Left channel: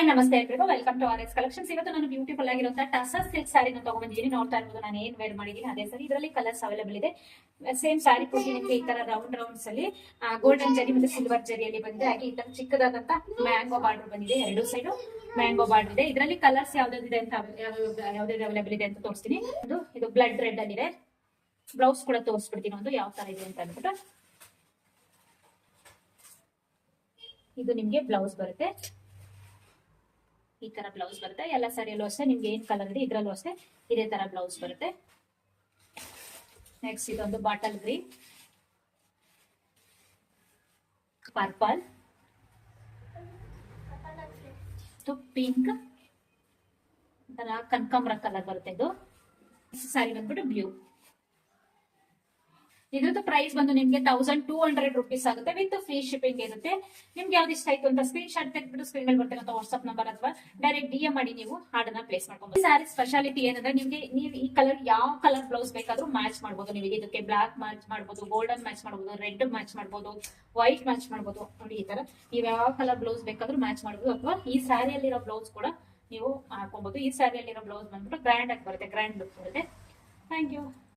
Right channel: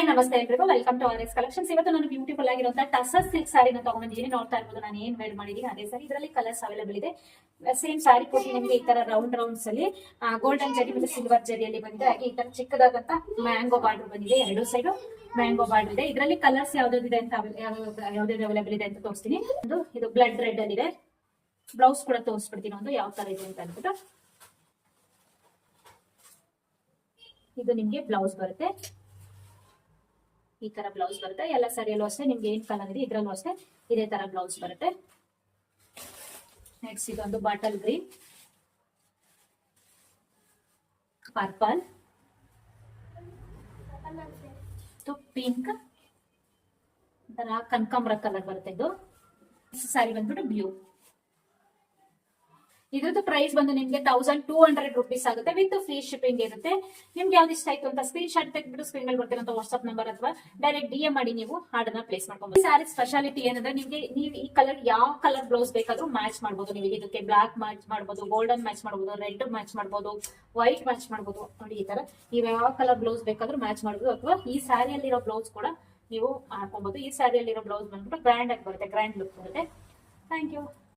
Hi ನಮಸ್ತೆ ಎಲ್ರಿಗೂ welcome to R S collections. ಇವತ್ತು ನಾನು ಬ್ಯೂಟಿಫುಲ್ ಆಗಿರುವಂತಹ ಟಸರ್ ಸಿಲ್ಕ್ ಸಾರಿನ ತಗೊಂಡಿದ್ದೀನಿ. ನೋಡ್ತಾ ಇರ್ಬೋದು ನಾನು ಏನ್ ವೇರ್ ಮಾಡಿದೀನಿ ಅದೇ ಸಾರಿ. ಇದರಲ್ಲಿ ಕಲರ್ಸ್ ಅವೈಲೇಬಲ್ ಇದೆ. ಸೇಮ್ ಸಾರಿ ಕೊಟ್ಟು ನಿಮಗೆ ಈ ತರ ರೌಂಡ್ ರೌಂಡ್ಸ್ ಅಲ್ಲಿ ಗೋಲ್ಡನ್ ಜರಿ ಮತ್ತೆ ಸಿಲ್ವರ್ ಜರಿಯಲ್ಲಿ ಬಂದಿದೆ. ಹಾಗೆ ಈ ತರ ಚಿಕ್ಕದಾದಂತ ಮ್ಯಾಂಗೋ ಬಾರ್ಡರ್ ಬಂದಿದೆ. ಎರಡು ಸೈಡ್ ಮ್ಯಾಂಗೋ ಬಾರ್ಡರ್ ಇದೆ. ಇದರಲ್ಲಿ ಕಲರ್ಸ್ ಯಾವ್ದಾವ್ದಿದೆ ಅಂತ ಯಾವ್ದು ಅವೈಲೇಬಲ್ ಇದೆ ಅಂತ ತೋರಿಸ್ತೀನಿ. ಇದು ಬ್ಲಡ್ ರೆಡ್ ಅಲ್ಲಿ ಇದೆ. ಬ್ಲೌಸ್ ಕೂಡ ತೋರಿಸ್ಬಿಡ್ತೀನಿ ಒಂದು ಯಾವ ತರ ಇದೆ ಅಂತ ಅಂದ್ಬಿಟ್ಟು. ಇದು ನಿಮ್ಗೆ ಬ್ಲೌಸ್ ಬರುತ್ತೆ. ಈ ತರ ಬ್ಲೌಸ್ ಬರುತ್ತೆ. ಎಲ್ಲ ಸಾರಿಯಲ್ಲೂ ಅಷ್ಟೇ ನಿಮ್ಗೆ ಏನ್ ಕಲರ್ ಇದೆ ಇದ್ರಲ್ಲೂ ಅಷ್ಟೇ ಇದೇ ತರ ಬ್ಲೌಸ್ ಬರುತ್ತೆ. ನೆಕ್ಸ್ಟ್ ಇದೊಂದು ಬಾಟಲ್ ಗ್ರೀನ್, ಪರ್ಪಲ್, ಪಿಂಕ್, ಕನಕಾಂಬರ ಕಲರ್ ಬರುತ್ತೆ. ಇದು ಸಾರಿ ಬಂದ್ಬಿಟ್ಟು ಬ್ಲೂ. ಇದ್ರದ್ದು ಪ್ರೈಸ್ ಬಂದು ನಿಮ್ಗೆ 1200 ರೂಪೀಸ್ ಆಗುತ್ತೆ. ವಿತ್ ಫ್ರೀ ಶಿಪ್ಪಿಂಗ್ ಇರುತ್ತೆ. ನಿಮ್ಗೆ ಯಾವ್ದು ಇಷ್ಟ ಆಯ್ತು ಅಂತ ಸ್ಕ್ರೀನ್ ಶಾಟ್ ತೆಗೆದ್ಬಿಟ್ಟು ಸ್ಕ್ರೀನ್ ಮೇಲೆ ಬರ್ತಿರೋ ವಾಟ್ಸ್ಆಪ್ ನಂಬರ್ ಅಥವಾ ಡೈರೆಕ್ಟ್ DM ಮಾಡಿ ನೀವು ಆರ್ಡರ್ ನ ಪ್ಲೇಸ್ ಮಾಡ್ಕೊಂಡು. ಈ ಸ್ಯಾರಿ ಸ್ಪೆಷಾಲಿಟಿ ಏನಂದ್ರೆ ನಿಮ್ಗೆ ನೀವು ಈ ಕಲರ್ ಯಾವ ಕಲರ್ ಬ್ಲೌಸ್ ಬೇಕಾದ್ರೂ ಮ್ಯಾಚ್ ಮಾಡಬಹುದು. ನೀವು ಇದಕ್ಕೆ ಬ್ಲಾಕ್ ಮ್ಯಾಚ್ ಮಾಡಬಹುದು, ಗೋಲ್ಡನ್ ಮ್ಯಾಚ್ ಮಾಡಬಹುದು, ರೆಡ್ ಮ್ಯಾಚ್ ಮಾಡಬಹುದು, ವೈಟ್ ಮ್ಯಾಚ್ ಮಾಡಬಹುದು. ನೋಡಿ ಈ ತರ ನೀವು ಯಾವ ಕಲರ್ ಬ್ಲೌಸ್ ಬೇಕಾದ್ರೂ ಮ್ಯಾಚ್ ಮಾಡಬಹುದು. ಅಥವಾ ಈ ಸ್ಯಾರಿಯಲ್ಲಿರೋ ಬ್ಲೌಸ್ ಕೂಡ ನೀವು ಹಾಕೊಬಹುದು. ಈ ಸ್ಯಾರಿಯಲ್ಲಿರೋ ಬ್ಲೌಸ್ ಬಂದ್ಬಿಟ್ಟು ಗ್ರ್ಯಾಂಡ್ ಆಗಿ ಬರುತ್ತೆ, ಗ್ರ್ಯಾಂಡ್ ಲುಕ್ ಬರುತ್ತೆ. Thank you.